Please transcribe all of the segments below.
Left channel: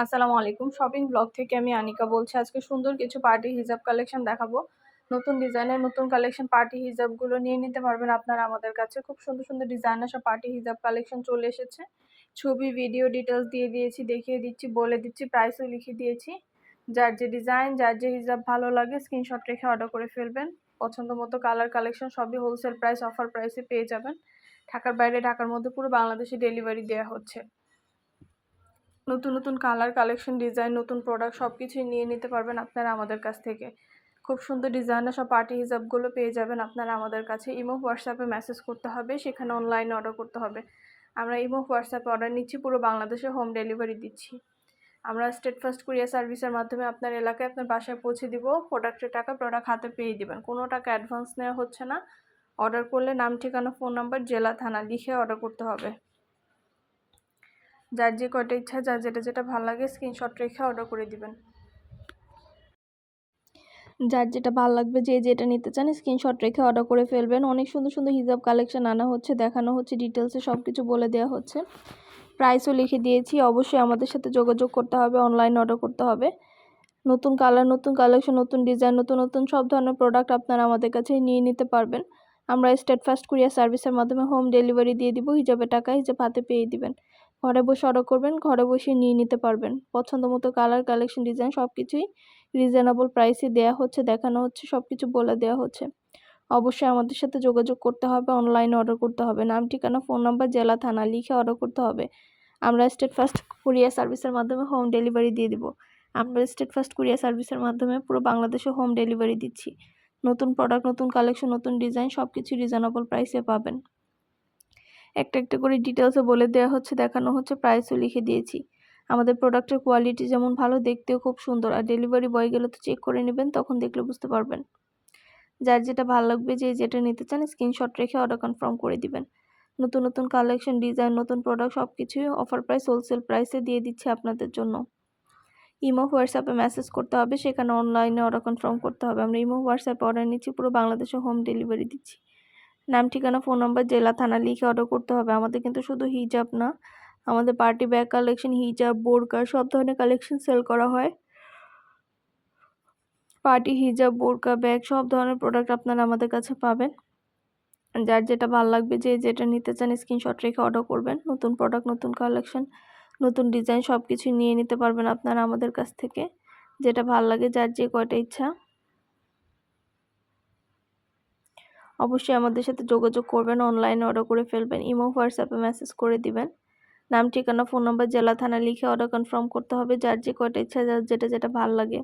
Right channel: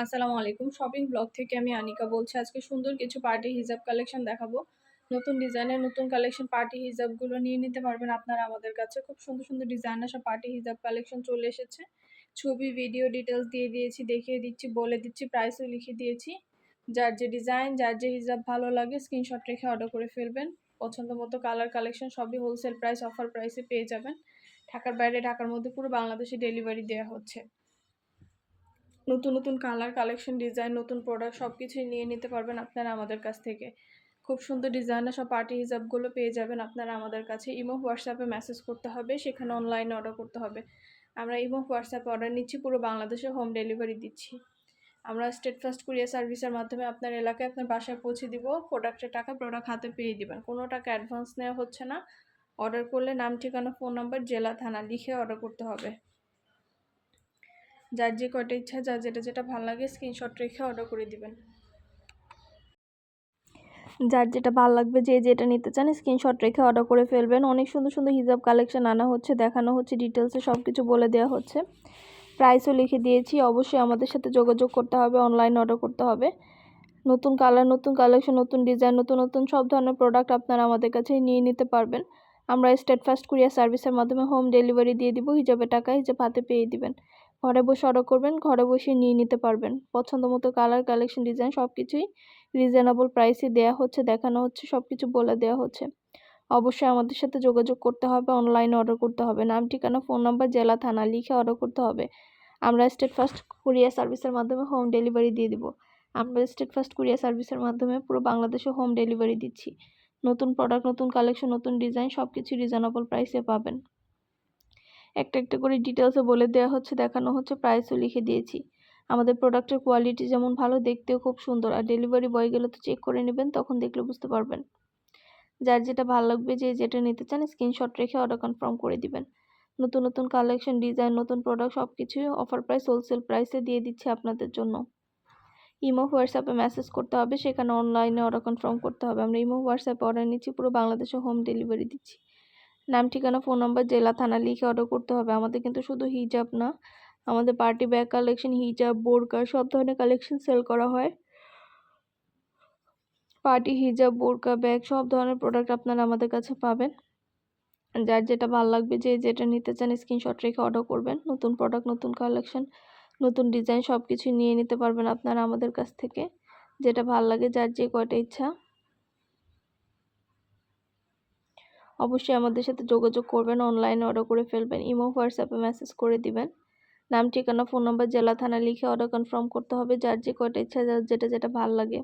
আসসালামু আলাইকুম। Shopping blog থেকে আমি আনিকা বলছি। আজকে সুন্দর কিছু পার্টি হিজাব কালেকশন দেখাবো। নতুন ডিজাইনের নতুন কালেকশন পার্টি হিজাবগুলো নিয়ে নিতে পারবেন আপনারা আমাদের কাছে। খুব সুন্দর, সুন্দর ডিজাইনের সব পার্টি হিজাব কালেকশন চলে এসেছে। ছবি, ভিডিও ডিটেইলস দিয়ে দিয়েছি, দেখিয়ে দিচ্ছি, বলে দিচ্ছি, প্রাইসও লিখে দিয়েছি। যার যে ডিজাইন, যার যে হিজাব ভালো লাগে স্ক্রিনশট রেখে অর্ডার করে ফেলবেন। পছন্দ মতো কালার কালেকশন সবই হোলসেল প্রাইস, অফার প্রাইসে পেয়ে যাবেন। ঢাকার বাইরে, ঢাকার মধ্যে পুরো বাংলাদেশে ডেলিভারি দেওয়া হচ্ছে। নতুন নতুন কালার কালেকশন ডিজাইন নতুন প্রোডাক্ট সব কিছুই নিয়ে নিতে পারবেন আপনারা আমাদের কাছ থেকে। খুব সুন্দর ডিজাইনের সব পার্টি হিজাবগুলো পেয়ে যাবেন আপনারা আমাদের কাছে। ইমো হোয়াটসঅ্যাপে মেসেজ করতে হবে, সেখানে অনলাইনে অর্ডার করতে হবে। আমরা ইমো হোয়াটসঅ্যাপে অর্ডার নিচ্ছি, পুরো বাংলাদেশে হোম ডেলিভারি দিচ্ছি। আমরা স্টেট ফার্স্ট কুরিয়ার সার্ভিসের মাধ্যমে আপনার এলাকায় আপনার বাসায় পৌঁছে দিব। প্রোডাক্টের টাকা প্রোডাক্ট হাতে পেয়ে দিবেন, কোনো টাকা অ্যাডভান্স নেওয়া হচ্ছে না। অর্ডার করলে নাম, ঠিকানা, ফোন নাম্বার, জেলা, থানা লিখে অর্ডার করতে হবে। যার যে কয়টা ইচ্ছা, যার যেটা যেটা ভালো লাগে স্ক্রিনশট রেখে অর্ডার করে দিবেন। যার যেটা ভালো লাগবে, যে যেটা নিতে চান স্ক্রিনশট রেখে অর্ডার করে ফেলবেন। অনেক সুন্দর সুন্দর হিজাব কালেকশন আনা হচ্ছে, দেখানো হচ্ছে, ডিটেলসে সব কিছু বলে দেওয়া হচ্ছে, প্রাইসও লিখে দিয়েছি। অবশ্যই আমাদের সাথে যোগাযোগ করতে হবে, অনলাইন অর্ডার করতে হবে। নতুন কালার, নতুন কালেকশন, নতুন ডিজাইন, নতুন নতুন সব ধরনের প্রোডাক্ট আপনারা আমাদের কাছে নিয়ে নিতে পারবেন। আমরা স্টেট ফার্স্ট কুরিয়ার সার্ভিসের মাধ্যমে হোম ডেলিভারি দিয়ে দিব। হিজাবের টাকা হিজাব হাতে পেয়ে দিবেন। ঘরে বসে অর্ডার করবেন, ঘরে বসে নিয়ে নিতে পারবেন। পছন্দ মতো কালার কালেকশন ডিজাইন সব কিছুই রিজনেবল প্রাইসে দেওয়া হচ্ছে, দেখানো হচ্ছে, সব কিছু বলে দেওয়া হচ্ছে। অবশ্যই আমাদের সাথে যোগাযোগ করতে হবে, অনলাইনে অর্ডার করতে হবে। নাম, ঠিকানা, ফোন নাম্বার, জেলা, থানা লিখে অর্ডার করতে হবে। আমরা স্টেট ফার্স্ট কুরিয়ার সার্ভিসের মাধ্যমে হোম ডেলিভারি দিয়ে দিব। আমরা স্টেট ফার্স্ট কুরিয়ার সার্ভিসের মাধ্যমে পুরো বাংলাদেশে হোম ডেলিভারি দিচ্ছি। নতুন প্রোডাক্ট, নতুন কালেকশন, নতুন ডিজাইন সব কিছু রিজনেবল প্রাইসে পাবেন। একটা একটা করে ডিটেলসও বলে দেওয়া হচ্ছে, দেখানো হচ্ছে, প্রাইসও লিখে দিয়েছি। আমাদের প্রোডাক্টের কোয়ালিটি যেমন ভালো, দেখতেও খুব সুন্দর। আর ডেলিভারি বয় গেলে তো চেক করে নেবেন, তখন দেখলে বুঝতে পারবেন। যার যেটা ভালো লাগবে, যে যেটা নিতে চান স্ক্রিনশট রেখে অর্ডার কনফার্ম করে দিবেন। নতুন নতুন কালেকশন ডিজাইন নতুন প্রোডাক্ট সব কিছুই অফার প্রাইস, হোলসেল প্রাইসে দিয়ে দিচ্ছি আপনাদের জন্য। ইমো হোয়াটসঅ্যাপে মেসেজ করতে হবে, সেখানে অনলাইনে অর্ডার কনফার্ম করতে হবে। আমরা ইমো হোয়াটসঅ্যাপে অর্ডার নিচ্ছি, পুরো বাংলাদেশে হোম ডেলিভারি দিচ্ছি। নাম, ঠিকানা, ফোন নাম্বার, জেলা, থানা লিখে অর্ডার করতে হবে। আমাদের কিন্তু শুধু হিজাব না, আমাদের পার্টি ব্যাগ কালেকশন, হিজাব, বোরকা সব ধরনের কালেকশন সেল করা হয়। পার্টি হিজাব, বোরকা, ব্যাগ সব ধরনের প্রোডাক্ট আপনারা আমাদের কাছে পাবেন। যার যেটা ভালো লাগবে, যে যেটা নিতে চান স্ক্রিনশট রেখে অর্ডার করবেন। নতুন প্রোডাক্ট, নতুন কালেকশন, নতুন ডিজাইন সব কিছুই নিয়ে নিতে পারবেন আপনারা আমাদের কাছ থেকে। যেটা ভালো লাগে, যার যে কয়টা ইচ্ছা অবশ্যই আমাদের সাথে যোগাযোগ করবেন, অনলাইনে অর্ডার করে ফেলবেন। ইমো হোয়াটসঅ্যাপে মেসেজ করে দিবেন। নাম, ঠিকানা, ফোন নাম্বার, জেলা, থানা লিখে অর্ডার কনফার্ম করতে হবে। যার যে কয়টা ইচ্ছা, যার যেটা যেটা ভালো লাগে।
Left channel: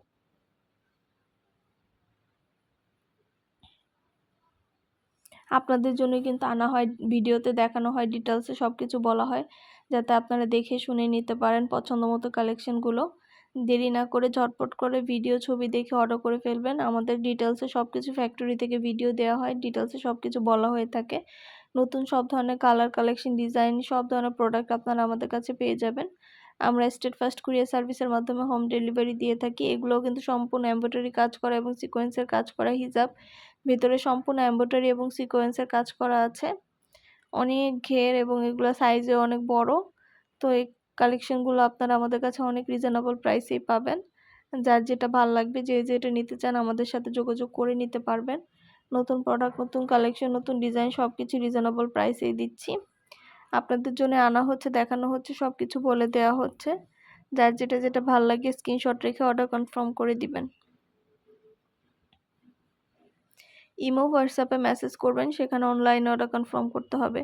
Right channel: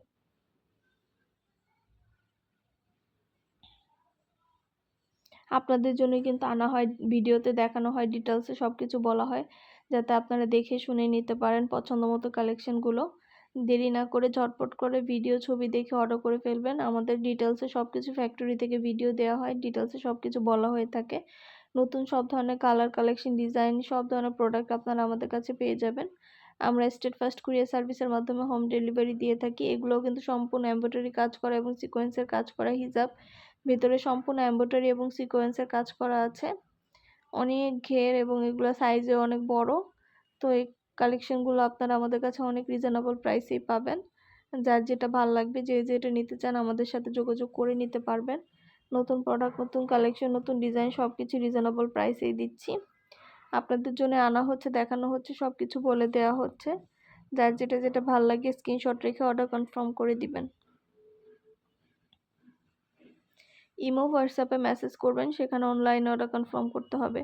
আপনাদের জন্যই কিন্তু আনা হয়, ভিডিওতে দেখানো হয়, ডিটেলসে সব কিছু বলা হয়, যাতে আপনারা দেখে শুনে নিতে পারেন পছন্দ মতো কালেকশনগুলো। দেরি না করে ঝটপট করে ভিডিও ছবি দেখে অর্ডার করে ফেলবেন। আমাদের ডিটেলসে সব কিছু ফ্যাক্টরি থেকে ভিডিও দেওয়া হয়, ডিটেলসে সব কিছু বলা হয়ে থাকে। নতুন সব ধরনের কালার কালেকশন ডিজাইন সব ধরনের প্রোডাক্ট আপনারা আমাদের কাছে পেয়ে যাবেন। আমরা স্টেট ফার্স্ট কুরিয়ার সার্ভিসের মাধ্যমে হোম ডেলিভারি দিয়ে থাকি। এগুলোও কিন্তু সম্পূর্ণ এমব্রয়ডারি কাজ করা এবং সিকোয়েন্সের কাজ করা হিজাব। ভেতরে সম্পূর্ণ এমব্রয়ডারি এবং সিকোয়েন্সের কাজ করা আছে। অনেক ঘের এবং এগুলো সাইজে অনেক বড়। তো এই কালেকশনগুলো আপনারা আমাদের কাছে অনেক রিজনেবল প্রাইসেই পাবেন। যার যেটা ভালো লাগবে, যে যেটা নিতে চান আমাদের সাথে যোগাযোগ করে নিতে পারবেন। নতুন প্রোডাক্ট, নতুন কালেকশন, নতুন ডিজাইন সব কিছু রিজনেবল প্রাইসেই দিচ্ছি। আপনাদের জন্য আনা হচ্ছে, দেখানো হচ্ছে, সব কিছু বলে দেওয়া হচ্ছে। যার যেটা যেটা ভালো লাগে স্ক্রিনশট রেখে অর্ডার কনফার্ম করে দিবেন। ইমো হোয়াটসঅ্যাপে মেসেজ করবেন, সেখানে অনলাইনে অর্ডার কনফার্ম করতে হবে।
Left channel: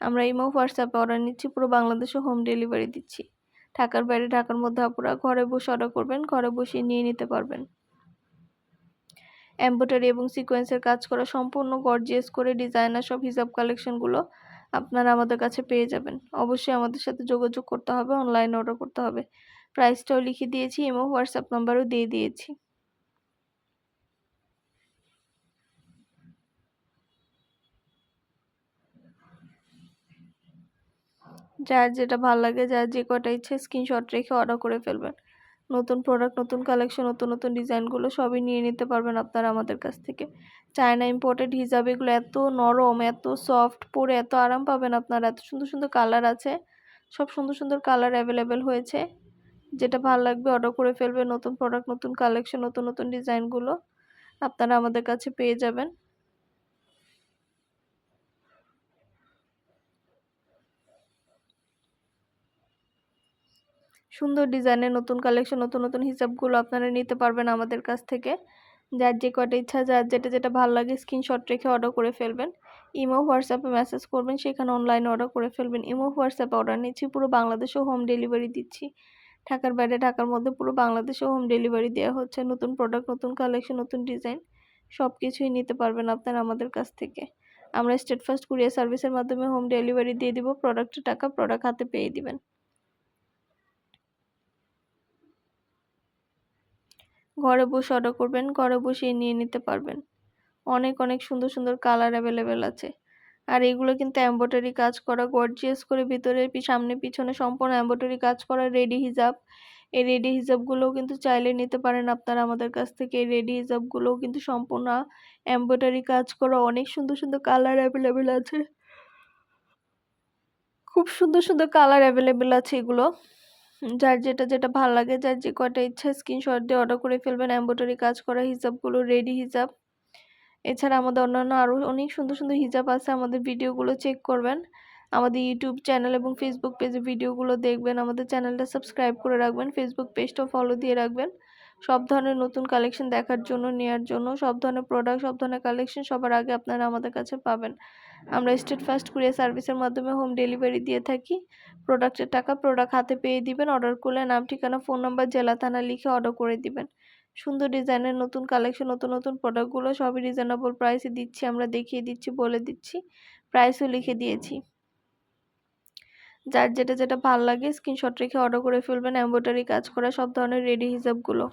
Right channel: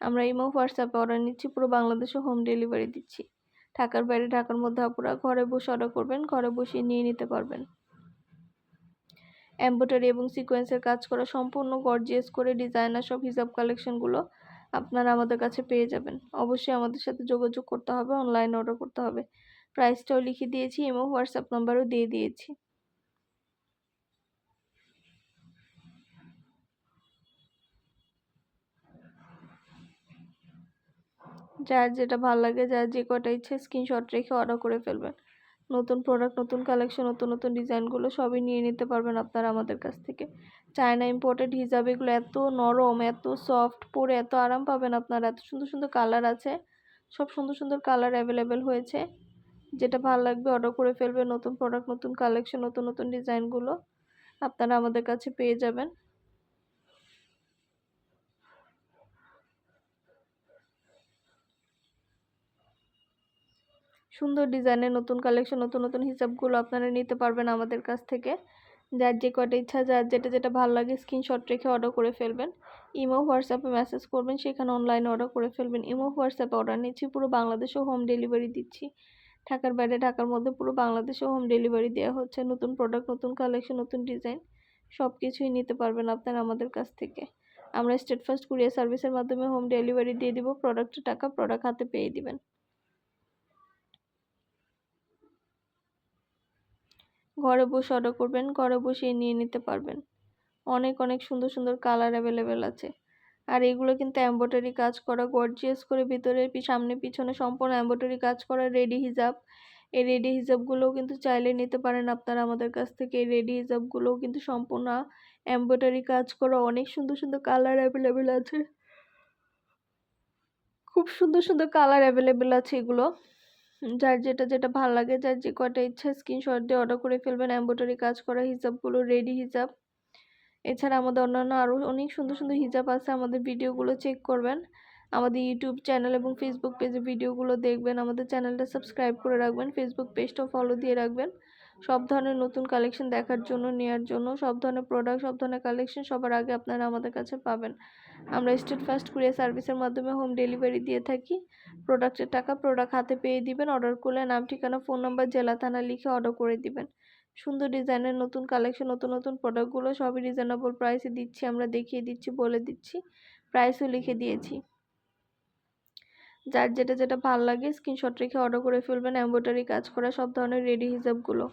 আমরা ইমো হোয়াটসঅ্যাপে অর্ডার নিচ্ছি, পুরো বাংলাদেশে হোম ডেলিভারি দিচ্ছি। ঢাকার বাইরে, ঢাকার মধ্যে আপুরা ঘরে বসে অর্ডার করবেন, ঘরে বসে নিয়ে নিতে পারবেন। এমব্রয়ডারি এবং সিকোয়েন্সের কাজ করা সম্পূর্ণ গর্জিয়াস করে ডিজাইনার সব হিজাব কালেকশনগুলো আপনারা আমাদের কাছে পেয়ে যাবেন। অবশ্যই আমাদের সাথে যোগাযোগ করতে হবে, অনলাইনে অর্ডার করতে হবে। প্রাইসটাও লিখে দিয়েছি, ইমো হোয়াটসঅ্যাপ নাম্বারও দিয়ে দিয়েছি। যার যেটা ভালো লাগে, যার যে কটা ইচ্ছে স্ক্রিনশট রেখে অর্ডার করে ফেলবেন। নতুন প্রোডাক্ট, নতুন কালেকশন, নতুন নতুন ডিজাইনগুলো সবই নিয়ে নিতে পারবেন আপনারা আমাদের কাছ থেকে। চায়না ইম্পোর্টেড হিজাব, এগুলো এত নরম, এত সফট, পরে এত আরাম পাবেন আপনারা। এত সুন্দর সুন্দর কালার আছে, সব সুন্দর সুন্দর কালার অ্যাভেলেবেল হয়েছে। যেটা ভালো লাগবে অর্ডার করে ফেলবেন। নতুন প্রোডাক্ট, নতুন কালেকশন, নতুন নতুন ডিজাইনগুলো আপনারা আমাদের কাছে পেয়ে যাবেন। সুন্দর ডিজাইনের নতুন কালেকশন, নতুন নতুন হিজাবগুলো আপনারা নিতে পারবেন আমাদের কাছ থেকে। যার যে কয়টা ইচ্ছা, যার যেটা ভালো লাগে স্ক্রিনশট রেখে অর্ডার করে ফেলবেন। ইমো, হোয়াটসঅ্যাপে মেসেজ করবেন, সেখানে অনলাইনে অর্ডার করে ফেলবেন। ইমো, হোয়াটসঅ্যাপে অর্ডার নিচ্ছি, পুরো বাংলাদেশেও হোম ডেলিভারি দিচ্ছি। ঢাকার বাইরে, ঢাকার মধ্যে পুরো বাংলাদেশেও হোম ডেলিভারি দেওয়া হচ্ছে। নতুন প্রোডাক্ট, নতুন কালেকশন, নতুন ডিজাইন সব কিছুই নিতে পারবেন আপনারা আমাদের কাছ থেকে। আমরা স্টেট ফার্স্ট কুরিয়ার সার্ভিসের মাধ্যমে হোম ডেলিভারি দিয়ে দিব। প্রোডাক্টের টাকা প্রোডাক্ট হাতে পেয়ে দিবেন। ঘরে বসে অর্ডার করবেন, ঘরে বসেই নিয়ে নিতে পারবেন। অনেক অনেক সুন্দর সুন্দর কালার অ্যাভেলেবেল আছে। আর এগুলো কিন্তু এমব্রয়ডারি কাজ করা, গর্জিয়াস করে ভিতরে সামনে পিছনে সম্পূর্ণ এমব্রয়ডারি কাজ করা রেডি হিজাব। এই রেডি হিজাবগুলোও কিন্তু চাইলে নিতে পারেন আপনারা আমাদের কাছ থেকে। এই রেডি হিজাবগুলোও কিন্তু সম্পূর্ণ এমব্রয়ডারি কাজ করা, অনেক সুন্দর সুন্দর কালার অ্যাভেলেবেল আছে। খুব সুন্দর সুন্দর কালার অ্যাভেলেবেল আছে এগুলো। যার যেটা ভাল লাগে, যার যে কয়টা ইচ্ছা স্ক্রিনশট দিয়ে অর্ডার করে ফেলবেন। এমব্রয়ডারি কাজ করা হিজাবগুলো, রেডি হিজাব। এছাড়া আমাদের অন্যান্য আরও অনেক সুন্দর সুন্দর হিজাব আছে। আমাদের ভিডিওগুলো চেক করবেন। আমাদের ইউটিউব চ্যানেল এবং ফেসবুক পেজে ভিডিওগুলো দেখবেন। আমাদের চ্যানেলটা সাবস্ক্রাইব করে রাখবেন। ফেসবুক পেজটাও ফলো দিয়ে রাখবেন। সব ধরনের নতুন কালেকশন দেখার জন্য, নেয়ার জন্য, সব ধরনের প্রোডাক্ট, সব ধরনের কালেকশন সবার আগে আপনারা আমাদের কাছে পাবেন। আমরা স্টেট ফার্স্ট কুরিয়ার সার্ভিসের মাধ্যমে হোম ডেলিভারি দিয়ে থাকি। প্রোডাক্টের টাকা প্রোডাক্ট হাতে পেয়ে দিবেন। অর্ডার করলে নাম, ঠিকানা, ফোন নাম্বার, জেলা, থানা লিখে অর্ডার করে দিবেন। সুন্দর ডিজাইনের নতুন কালেকশন, নতুন নতুন প্রোডাক্টগুলো সবই রিজনেবল প্রাইসে দিচ্ছি আমরা, দেখিয়ে দিচ্ছি, বলে দিচ্ছি, প্রাইসও লিখে দিয়েছি। যার যেটা ভাল লাগে স্ক্রিনশট রেখে অর্ডার করে ফেলবেন। এমব্রয়ডারি কাজ করা সব ধরনের রেডি হিজাবগুলো।